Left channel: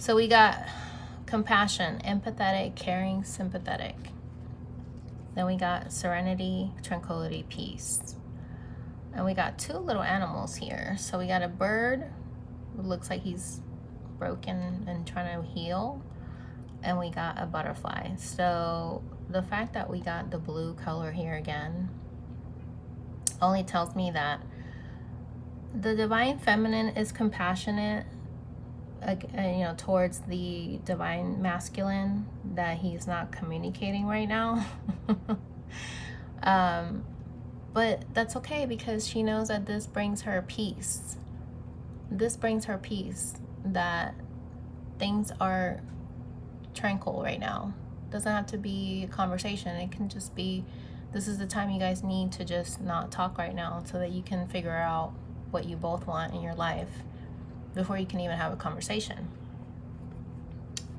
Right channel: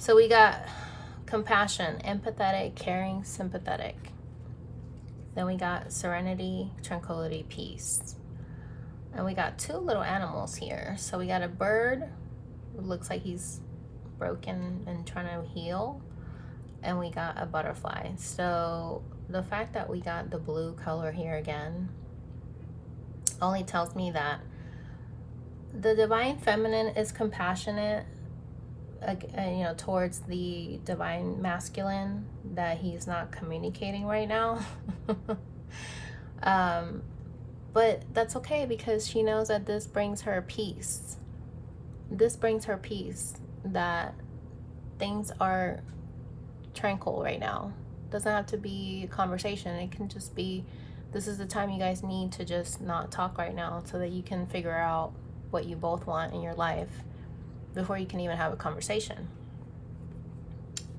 So we got compassion, empathetic, caring, sympathetic. Then we got serenity, tranquility, peace. And we got two little animals here. So we got a bird who looks like he's broken and trying to heal. And we got a butterfly. So the fact that we got the blue color here again only tells me that the divine feminine is compassionate, towards the divine masculine that he's not communicating right now. But that's okay, because she knows that this brings her peace. This brings her peace, that things are tranquil right now. Doesn't have to be a conversation. It can just be, this is the time you guys need to just not talk right now, so that you can figure out what you both want in your life before you can even have a conversation.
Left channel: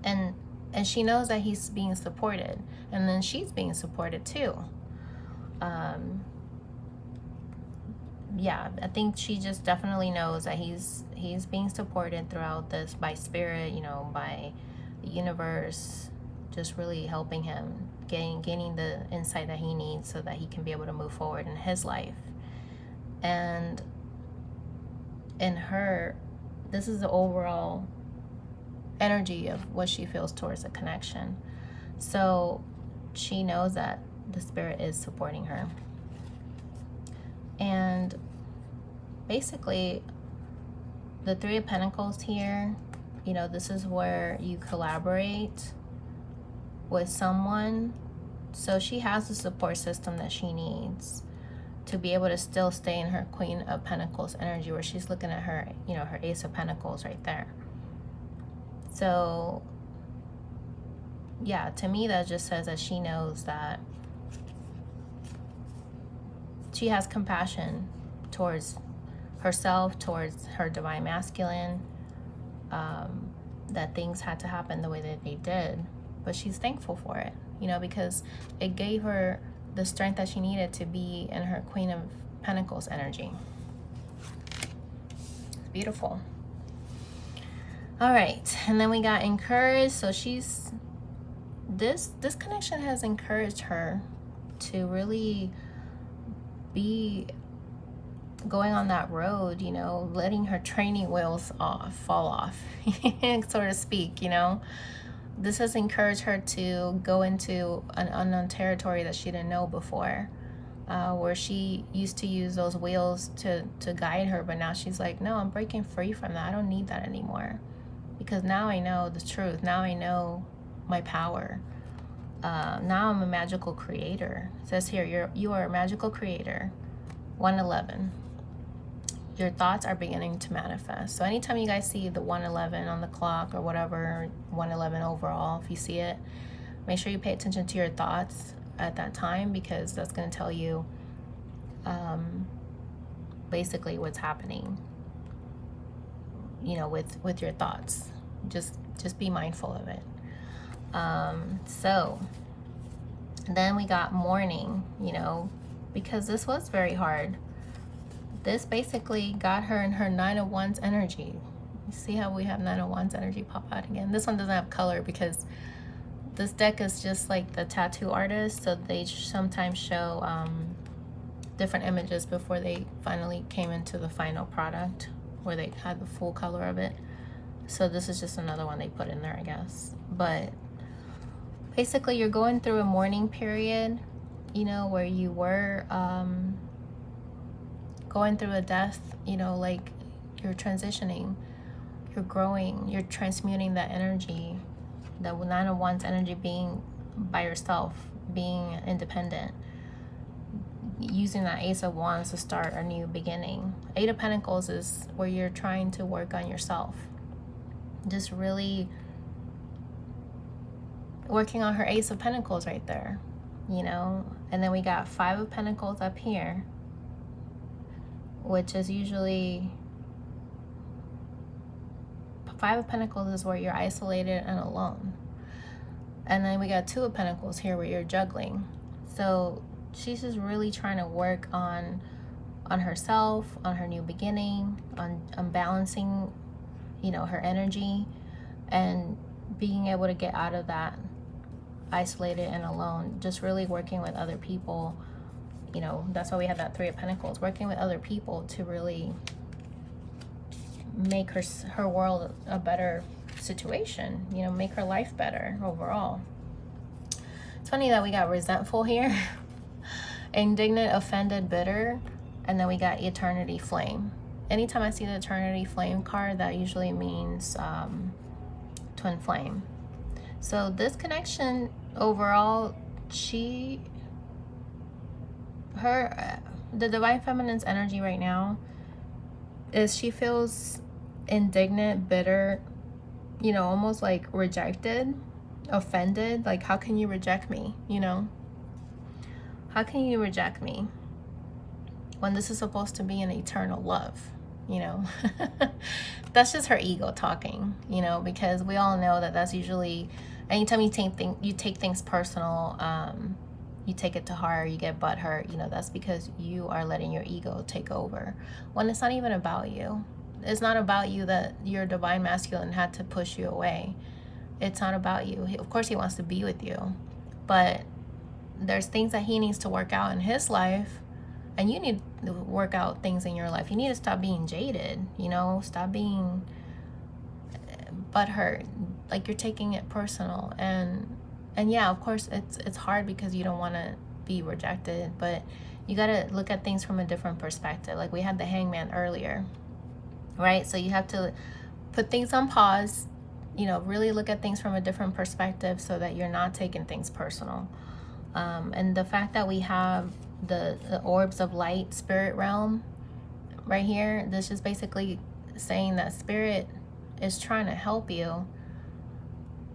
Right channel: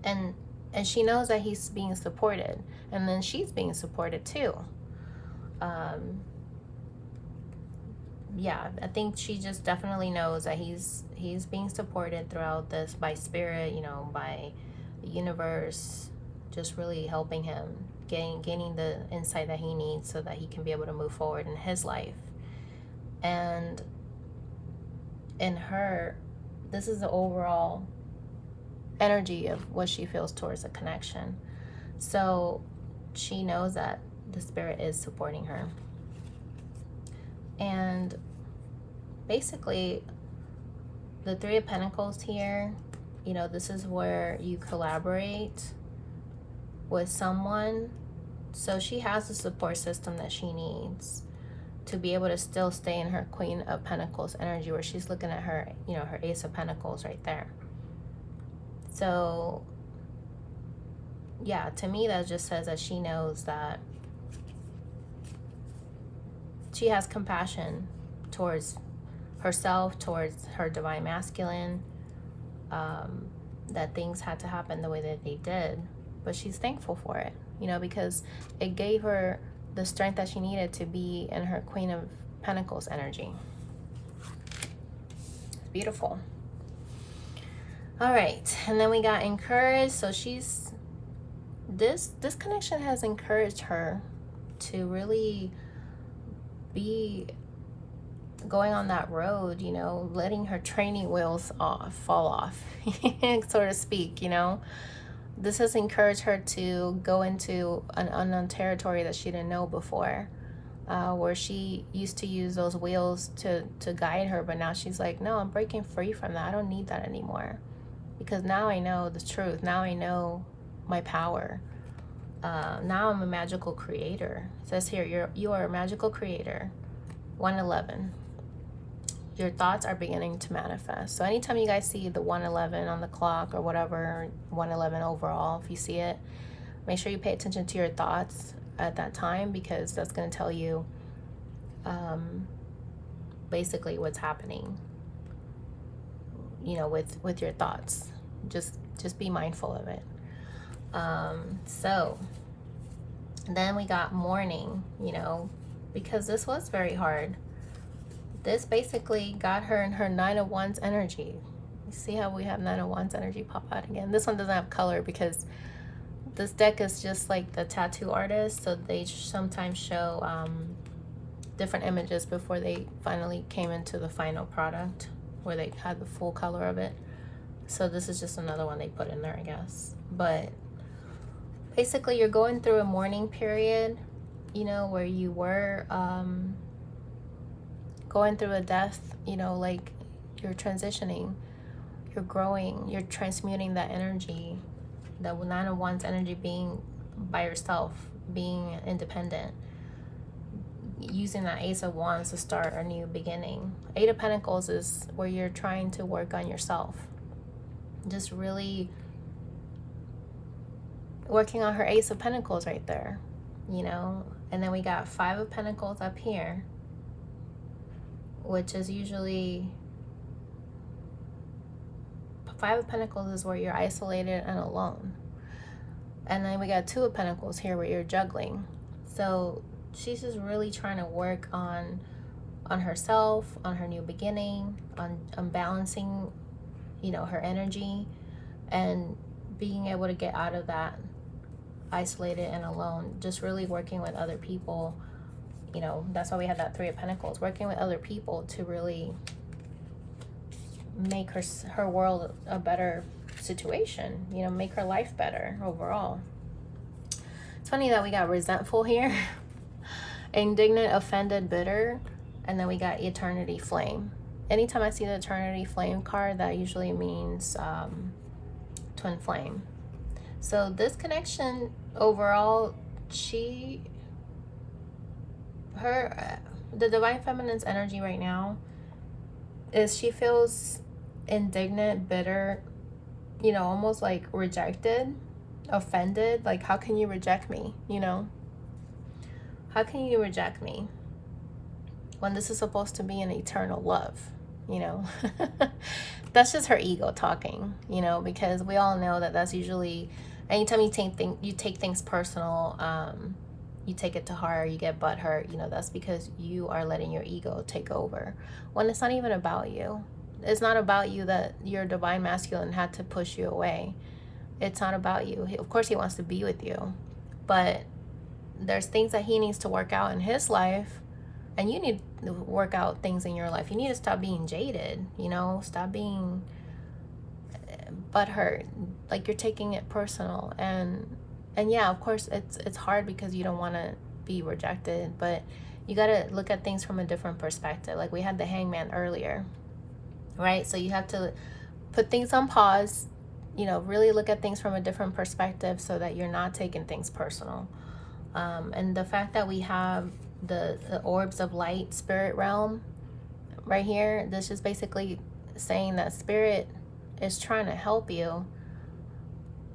And she knows that he's being supported, and then she's being supported too. Yeah, I think she just definitely knows that he's being supported throughout this by spirit, by the universe, just really helping him, gaining the insight that he needs so that he can be able to move forward in his life. And in her, this is the overall energy of what she feels towards the connection. So she knows that the spirit is supporting her. And basically, the Three of Pentacles here, this is where you collaborate with someone. So she has the support system that she needs to be able to still stay in her Queen of Pentacles energy, where she's looking at her, her Ace of Pentacles right there. So yeah, to me that just says that she knows that she has compassion towards herself, towards her divine masculine, that things had to happen the way that they did, but she's thankful for it, because it gave her the strength that she needed to be in her Queen of Pentacles energy. It's beautiful. All right, and then we got encouraged. So she's, this connection has encouraged her to really be going on that road, letting her training wheels fall off, so to speak. This has encouraged her to go into an unknown territory that she didn't know before, where she used to use those wheels to guide her, but now she's like, no, I'm breaking free from that. I don't need that anymore, because now I know the truth. Now I know my power. Now I'm a magical creator. It says here, you are a magical creator. 111. Your thoughts are beginning to manifest. So anytime you guys see the 111 on the clock or whatever, 111 overall, if you see it, make sure you pay attention to your thoughts at that time, because that's going to tell you basically what's happening, with your thoughts. Just be mindful of it. So then we got mourning, because this was very hard. This basically got her in her Nine of Wands energy. You see how we have Nine of Wands energy pop out again? This one doesn't have color, because this deck is just like the tattoo artist, so they sometimes show different images before they finally came into the final product, where they had the full color of it. So this is just another one they put in there, I guess. But basically, you're going through a mourning period, where you were going through a death, like you're transitioning, you're growing, you're transmuting that energy, the Nine of Wands energy, being by yourself, being independent, using that Ace of Wands to start a new beginning. Eight of Pentacles is where you're trying to work on yourself, just really working on her Ace of Pentacles right there, and then we got Five of Pentacles up here, which is usually, Five of Pentacles is where you're isolated and alone. And then we got Two of Pentacles here, where you're juggling. So she's just really trying to work on herself, on her new beginning, on balancing, her energy, and being able to get out of that isolated and alone, just really working with other people. You know, that's why we had that Three of Pentacles, working with other people to really make her world a better situation, you know, make her life better overall. It's funny that we got resentful here, indignant, offended, bitter, and then we got eternity flame. Anytime I see the eternity flame card, that usually means twin flame. So this connection overall, the divine feminine's energy right now is she feels indignant, bitter, you know, almost like rejected, offended. Like, how can you reject me? You know, how can you reject me when this is supposed to be an eternal love? You know, that's just her ego talking, you know, because we all know that that's usually, anytime you take things personal, you take it to heart, you get butthurt, you know, that's because you are letting your ego take over when it's not even about you. It's not about you that your divine masculine had to push you away. It's not about you. Of course he wants to be with you, but there's things that he needs to work out in his life, and you need to work out things in your life. You need to stop being jaded, you know, stop being butthurt, like you're taking it personal. And yeah, of course it's hard because you don't want to be rejected, but you got to look at things from a different perspective. Like we had the Hangman earlier, right? So you have to put things on pause, you know, really look at things from a different perspective so that you're not taking things personal. And the fact that we have the orbs of light, spirit realm right here, this is basically saying that spirit is trying to help you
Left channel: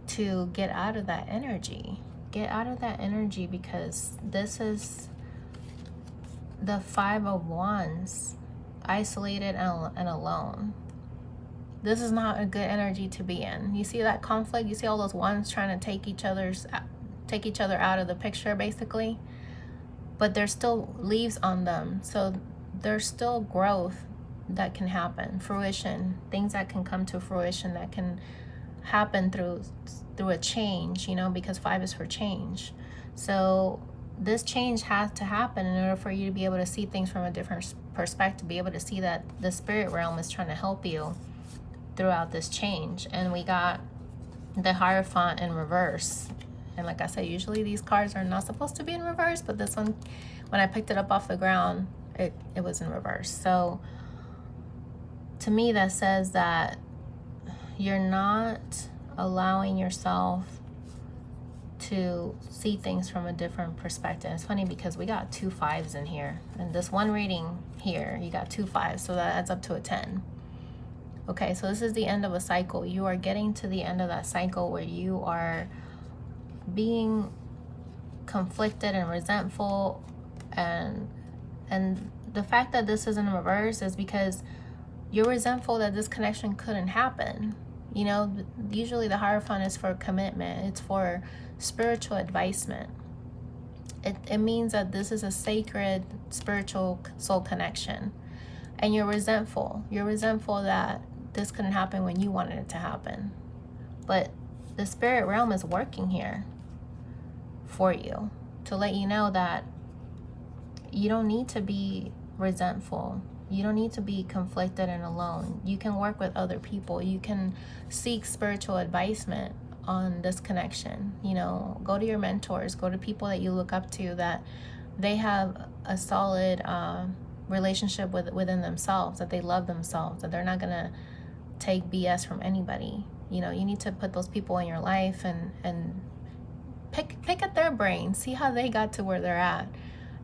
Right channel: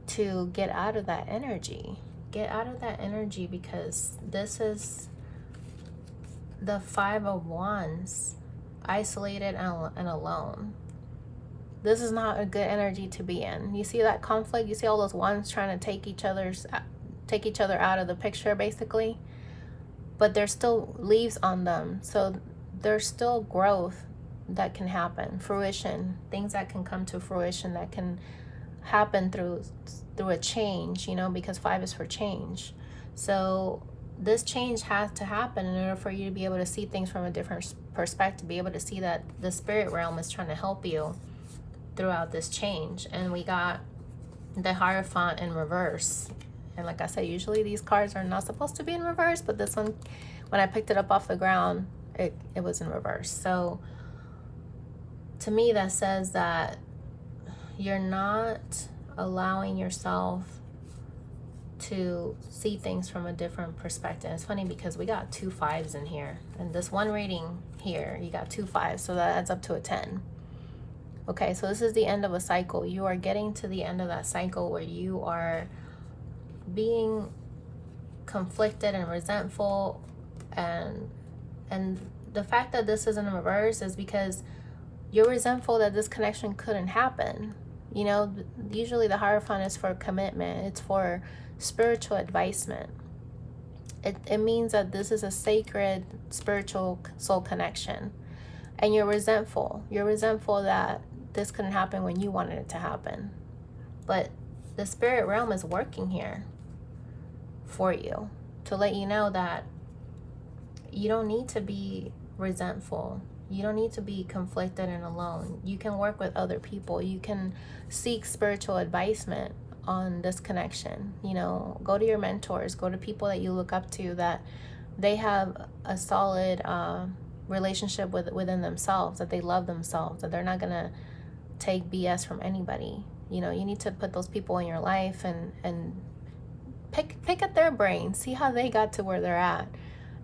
to get out of that energy. Get out of that energy, because this is the Five of Wands, isolated and alone. This is not a good energy to be in. You see that conflict? You see all those wands trying to take each other out of the picture, basically, but there's still leaves on them, so there's still growth that can happen, fruition, things that can come to fruition, that can happen through a change, you know, because 5 is for change. So this change has to happen in order for you to be able to see things from a different perspective, be able to see that the spirit realm is trying to help you throughout this change. And we got the Hierophant in reverse. And like I said, usually these cards are not supposed to be in reverse, but this one, when I picked it up off the ground, it was in reverse. So to me, that says that you're not allowing yourself to see things from a different perspective. It's funny because we got 2 5s in here, and this one reading here, you got 2 5s, so that adds up to a 10. Okay, so this is the end of a cycle. You are getting to the end of that cycle where you are being conflicted and resentful, and the fact that this is in reverse is because you're resentful that this connection couldn't happen. You know, usually the Hierophant is for commitment. It's for spiritual advancement. It means that this is a sacred spiritual soul connection, and you're resentful. You're resentful that this couldn't happen when you wanted it to happen. But the spirit realm is working here for you to let you know that you don't need to be resentful. You don't need to be conflicted and alone. You can work with other people. You can seek spiritual advancement on this connection. You know, go to your mentors, go to people that you look up to, that they have a solid relationship within themselves, that they love themselves, that they're not gonna take BS from anybody. You know, you need to put those people in your life and pick at their brains, see how they got to where they're at,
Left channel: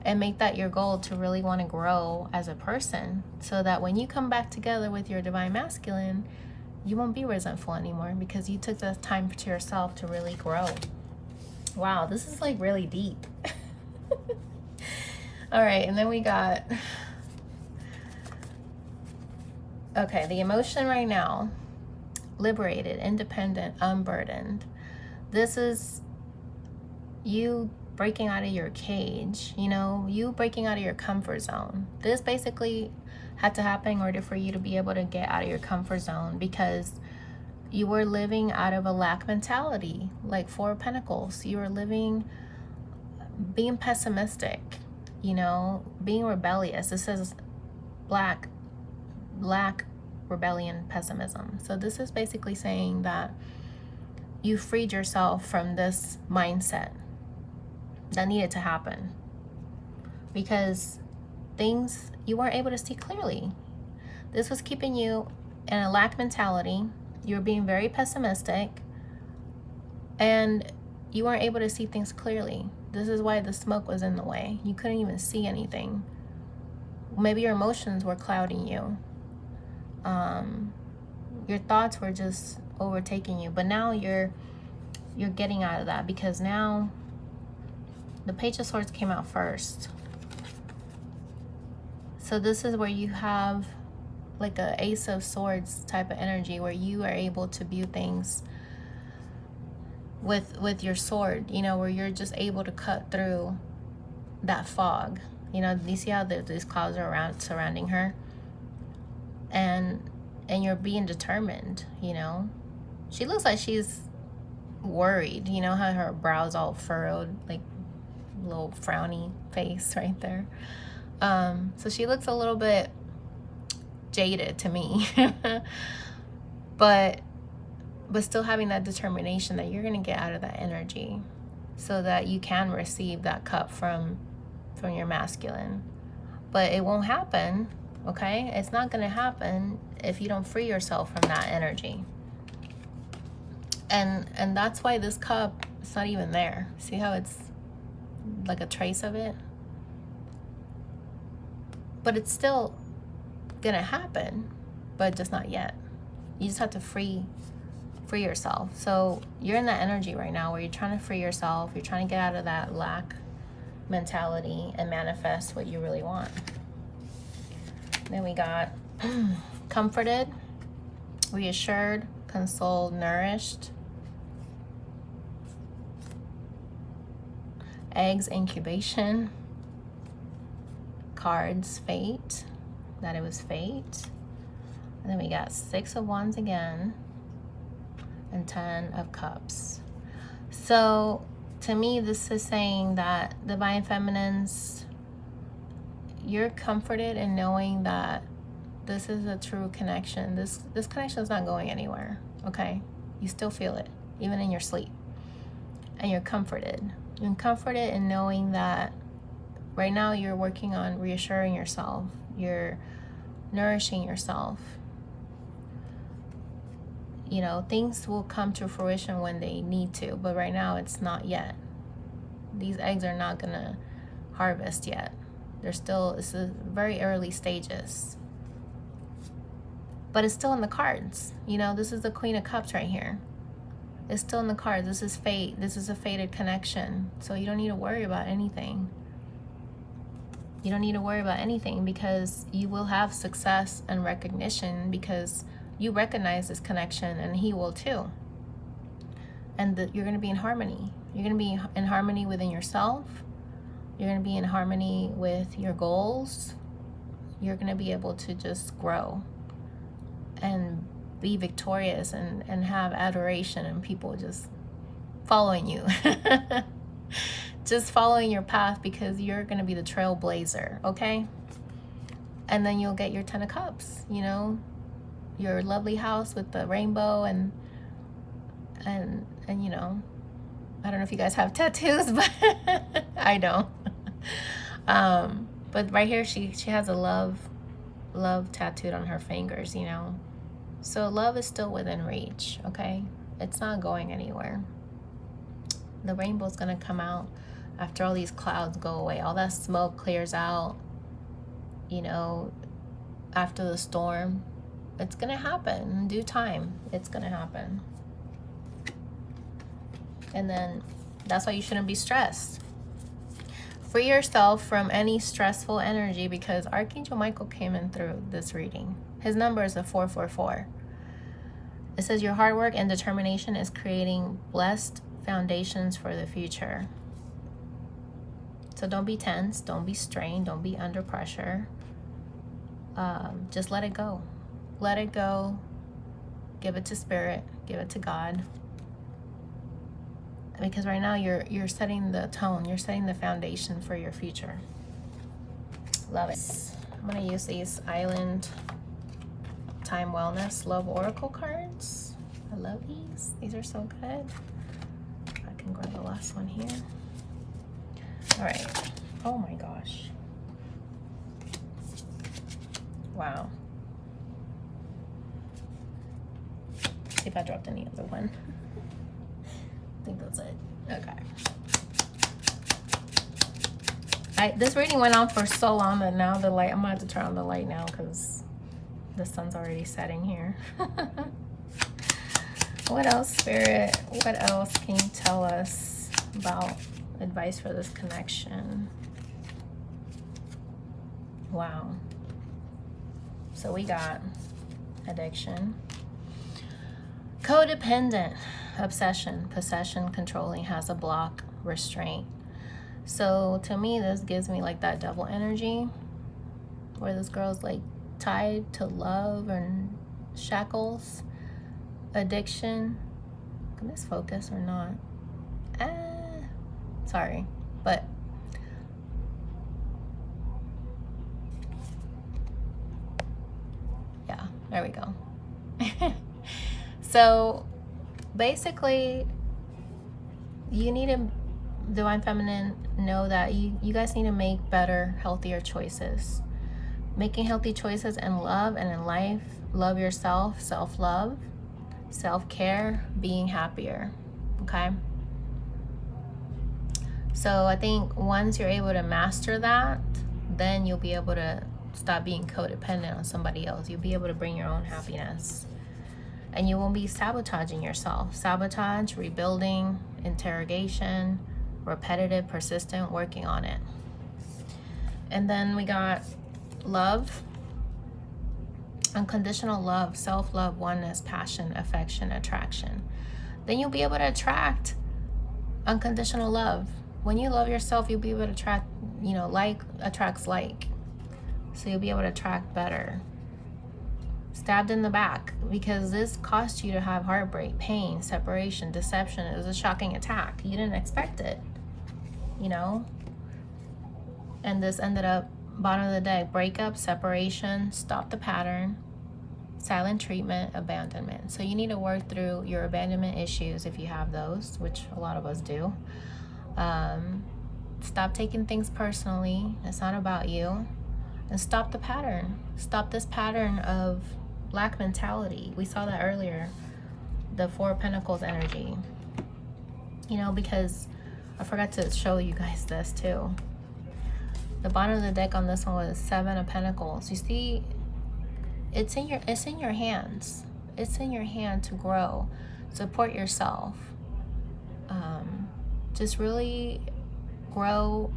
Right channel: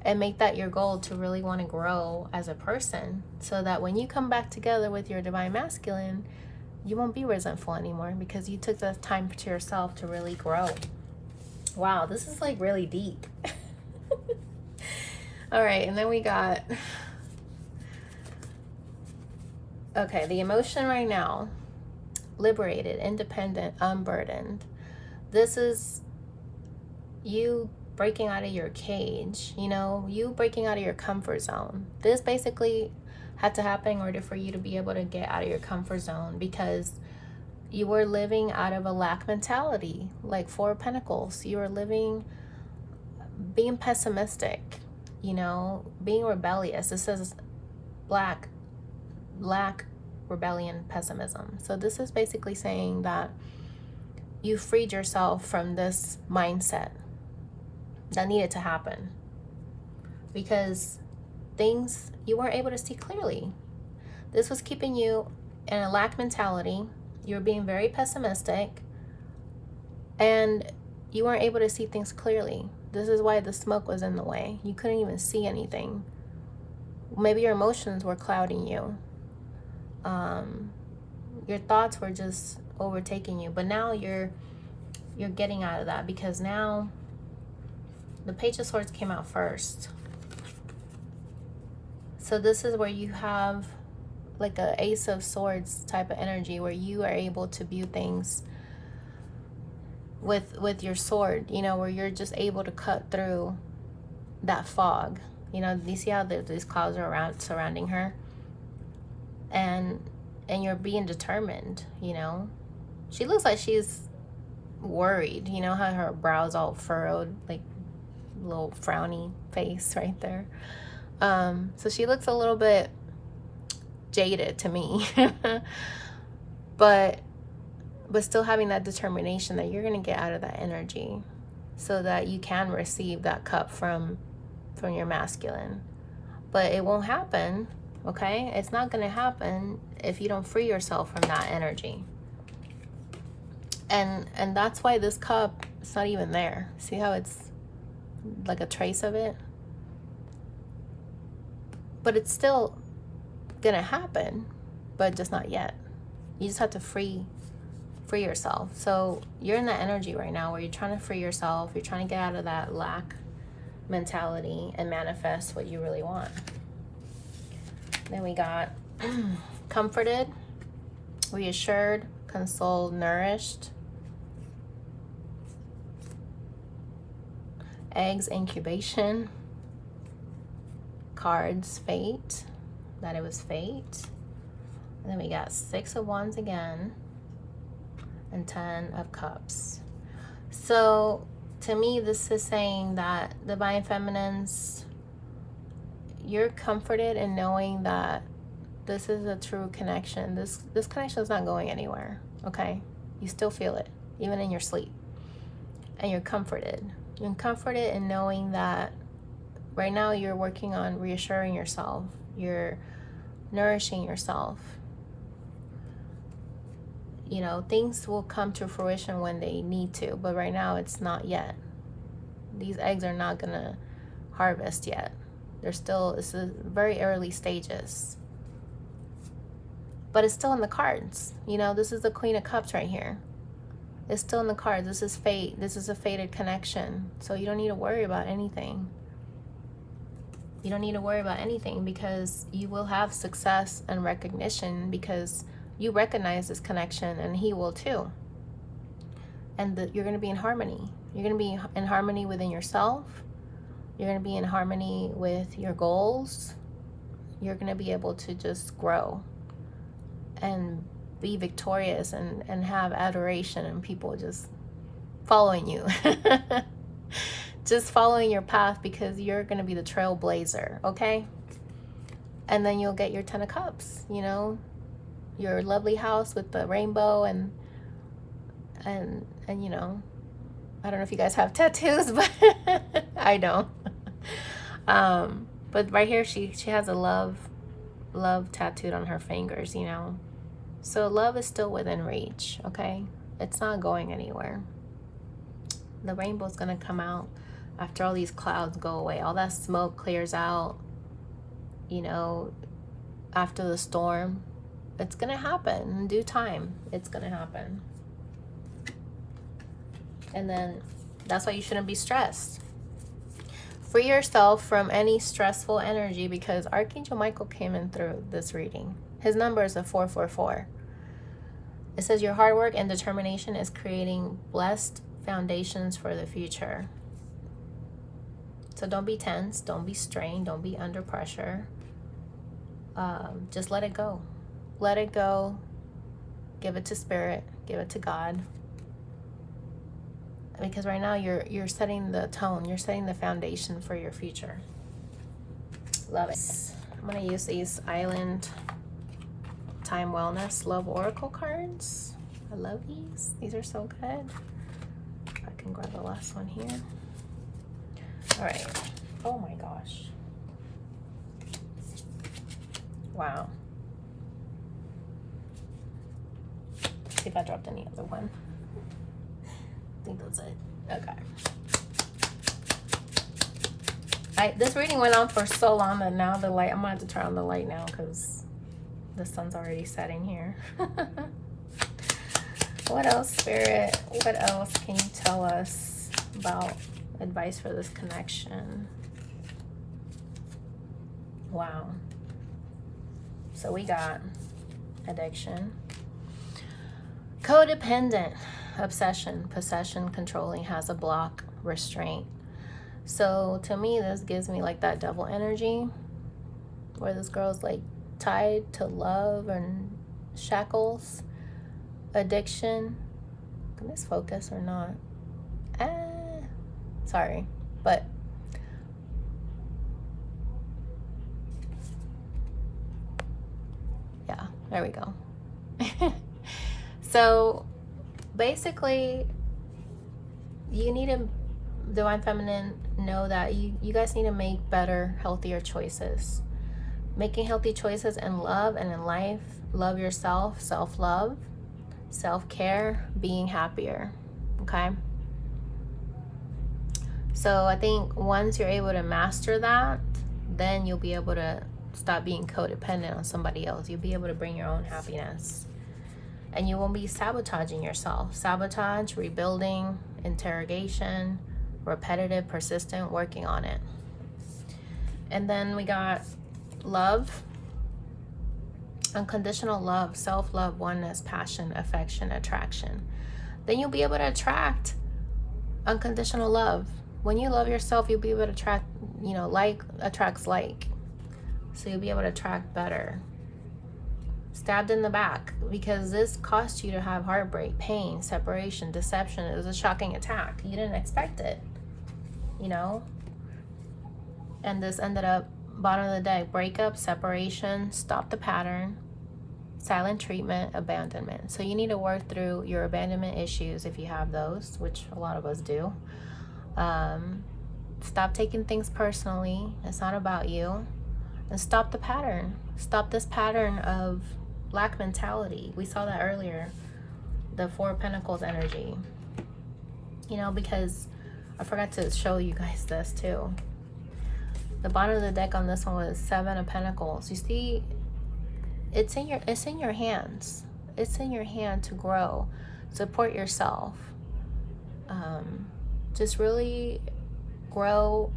and make that your goal to really want to grow as a person, so that when you come back together with your divine masculine, you won't be resentful anymore, because you took the time to yourself to really grow. Wow, this is like really deep. All right, and then we got, okay, the emotion right now, liberated, independent, unburdened. This is you breaking out of your cage, you know, you breaking out of your comfort zone. This basically had to happen in order for you to be able to get out of your comfort zone, because you were living out of a lack mentality, like Four of Pentacles. You were living, being pessimistic, you know, being rebellious. It says lack, rebellion, pessimism. So this is basically saying that you freed yourself from this mindset that needed to happen, because things, you weren't able to see clearly. This was keeping you in a lack mentality. You were being very pessimistic, and you weren't able to see things clearly. This is why the smoke was in the way. You couldn't even see anything. Maybe your emotions were clouding you. Your thoughts were just overtaking you. But now you're getting out of that, because now the Page of Swords came out first. So this is where you have like a Ace of Swords type of energy, where you are able to view things with your sword, you know, where you're just able to cut through that fog. You know, you see how these clouds are surrounding her, and you're being determined, you know. She looks like she's worried, you know, how her brows all furrowed, like little frowny face right there. So she looks a little bit jaded to me. but still having that determination that you're going to get out of that energy, so that you can receive that cup from your masculine. But it won't happen, okay? It's not going to happen if you don't free yourself from that energy. And that's why this cup is not even there. See how it's like a trace of it? But it's still gonna happen, but just not yet. You just have to free yourself. So you're in that energy right now where you're trying to free yourself. You're trying to get out of that lack mentality and manifest what you really want. Then we got comforted, reassured, consoled, nourished. Eggs, incubation. Cards, fate, that it was fate. And then we got Six of Wands again, and Ten of Cups. So to me, this is saying that Divine Feminines, you're comforted in knowing that this is a true connection. This connection is not going anywhere, okay? You still feel it, even in your sleep. And you're comforted. You're comforted in knowing that right now you're working on reassuring yourself. You're nourishing yourself. You know, things will come to fruition when they need to, but right now it's not yet. These eggs are not gonna harvest yet. They're still, it's a very early stages. But it's still in the cards. You know, this is the Queen of Cups right here. It's still in the cards. This is fate. This is a fated connection. So you don't need to worry about anything. You don't need to worry about anything, because you will have success and recognition, because you recognize this connection and he will too. And you're going to be in harmony. You're going to be in harmony within yourself. You're going to be in harmony with your goals. You're going to be able to just grow and be victorious and have adoration and people just following you. Just following your path, because you're going to be the trailblazer, okay? And then you'll get your Ten of Cups, you know, your lovely house with the rainbow and you know, I don't know if you guys have tattoos, but I don't. But right here, she has a love tattooed on her fingers, you know. So love is still within reach, okay? It's not going anywhere. The rainbow's gonna come out after all these clouds go away. All that smoke clears out, you know, after the storm. It's gonna happen in due time. It's gonna happen. And then that's why you shouldn't be stressed. Free yourself from any stressful energy, because Archangel Michael came in through this reading. His number is a 444. It says your hard work and determination is creating blessed foundations for the future. So don't be tense, don't be strained, don't be under pressure. Just let it go. Let it go. Give it to spirit. Give it to God. Because right now you're setting the tone, you're setting the foundation for your future. Love it. I'm gonna use these Island Time Wellness Love Oracle cards. I love these. These are so good. I can grab the last one here. All right. Oh my gosh. Wow. See if I dropped any other one. I think that's it. Okay. This reading went on for so long that now the light, I'm gonna have to turn on the light now because the sun's already setting here. What else, Spirit? What else can you tell us about advice for this connection? Wow. So we got addiction, codependent, obsession, possession, controlling, has a block, restraint. So to me, this gives me like that double energy where this girl's like tied to love and shackles, addiction. Can this focus or not? Sorry, but yeah, there we go. So basically, you need to, Divine Feminine, know that you guys need to make better, healthier choices. Making healthy choices in love and in life. Love yourself, self-love, self-care, being happier, okay? So I think once you're able to master that, then you'll be able to stop being codependent on somebody else. You'll be able to bring your own happiness. And you won't be sabotaging yourself. Sabotage, rebuilding, interrogation, repetitive, persistent, working on it. And then we got love, unconditional love, self-love, oneness, passion, affection, attraction. Then you'll be able to attract unconditional love. When you love yourself, you'll be able to attract, like attracts like. So you'll be able to attract better. Stabbed in the back, because this cost you to have heartbreak, pain, separation, deception. It was a shocking attack. You didn't expect it, And this ended up bottom of the deck, breakup, separation, stop the pattern, silent treatment, abandonment. So you need to work through your abandonment issues if you have those, which a lot of us do. Stop taking things personally. It's not about you. And stop the pattern. Stop this pattern of lack mentality. We saw that earlier, the Four of Pentacles energy. Because I forgot to show you guys this too. The bottom of the deck on this one was Seven of Pentacles. You see, it's in your hands. It's in your hand to grow. Support yourself. Just really grow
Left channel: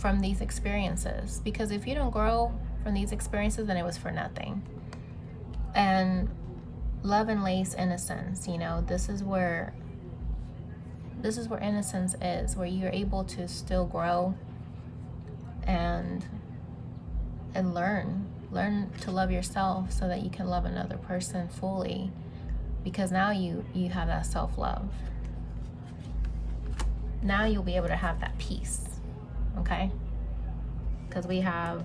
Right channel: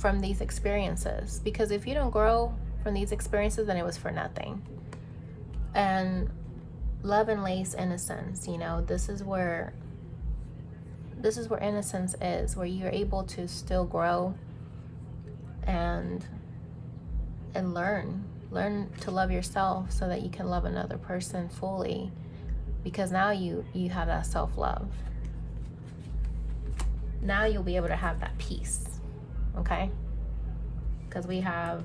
from these experiences, because if you don't grow from these experiences, then it was for nothing. And love and lace innocence, this is where innocence is, where you're able to still grow and learn to love yourself so that you can love another person fully, because now you have that self-love. Now you'll be able to have that peace, okay? Because we have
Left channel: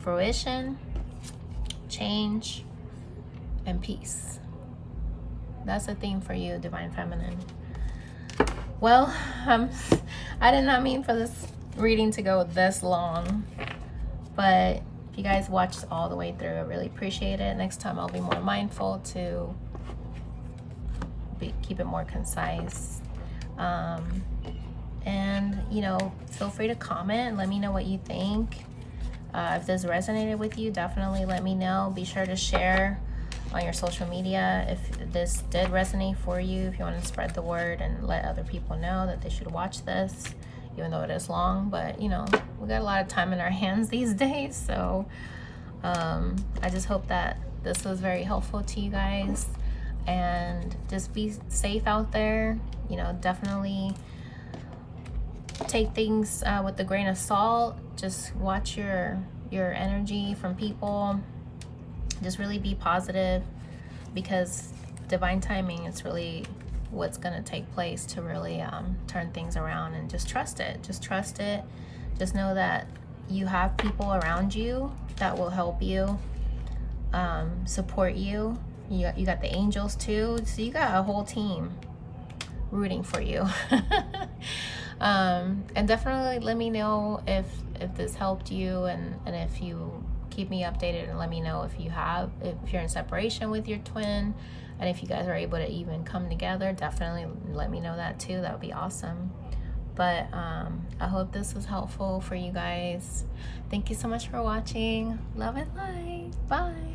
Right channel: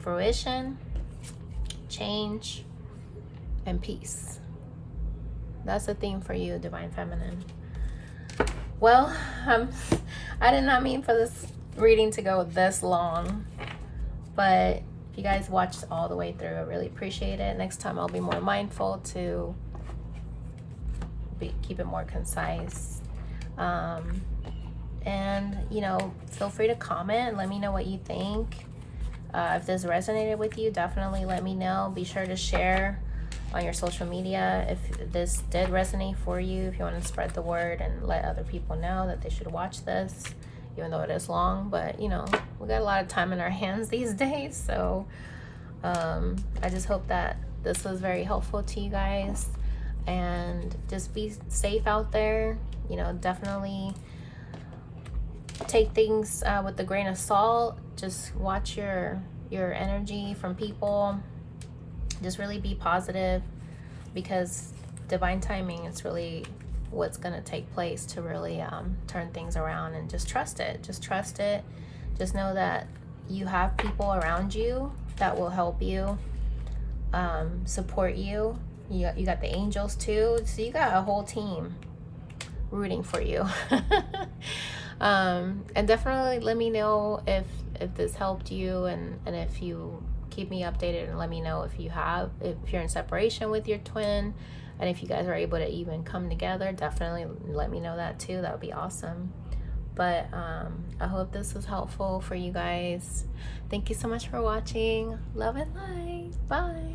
fruition, change, and peace. That's the theme for you, Divine Feminine. Well, I did not mean for this reading to go this long, but if you guys watched all the way through, I really appreciate it. Next time I'll be more mindful to keep it more concise. And feel free to comment, let me know what you think. If this resonated with you, definitely let me know. Be sure to share on your social media if this did resonate for you, if you want to spread the word and let other people know that they should watch this, even though it is long. But we got a lot of time in our hands these days, so I just hope that this was very helpful to you guys, and just be safe out there. Definitely take things with a grain of salt. Just watch your energy from people. Just really be positive, because divine timing is really what's going to take place to really turn things around. And just trust it. Just trust it. Just know that you have people around you that will help you, support you. You got the angels too, so you got a whole team rooting for you. And definitely let me know if this helped you, and if you keep me updated, and let me know if you're in separation with your twin, and if you guys are able to even come together. Definitely let me know that too. That would be awesome. But I hope this was helpful for you guys. Thank you so much for watching. Love and light. Bye.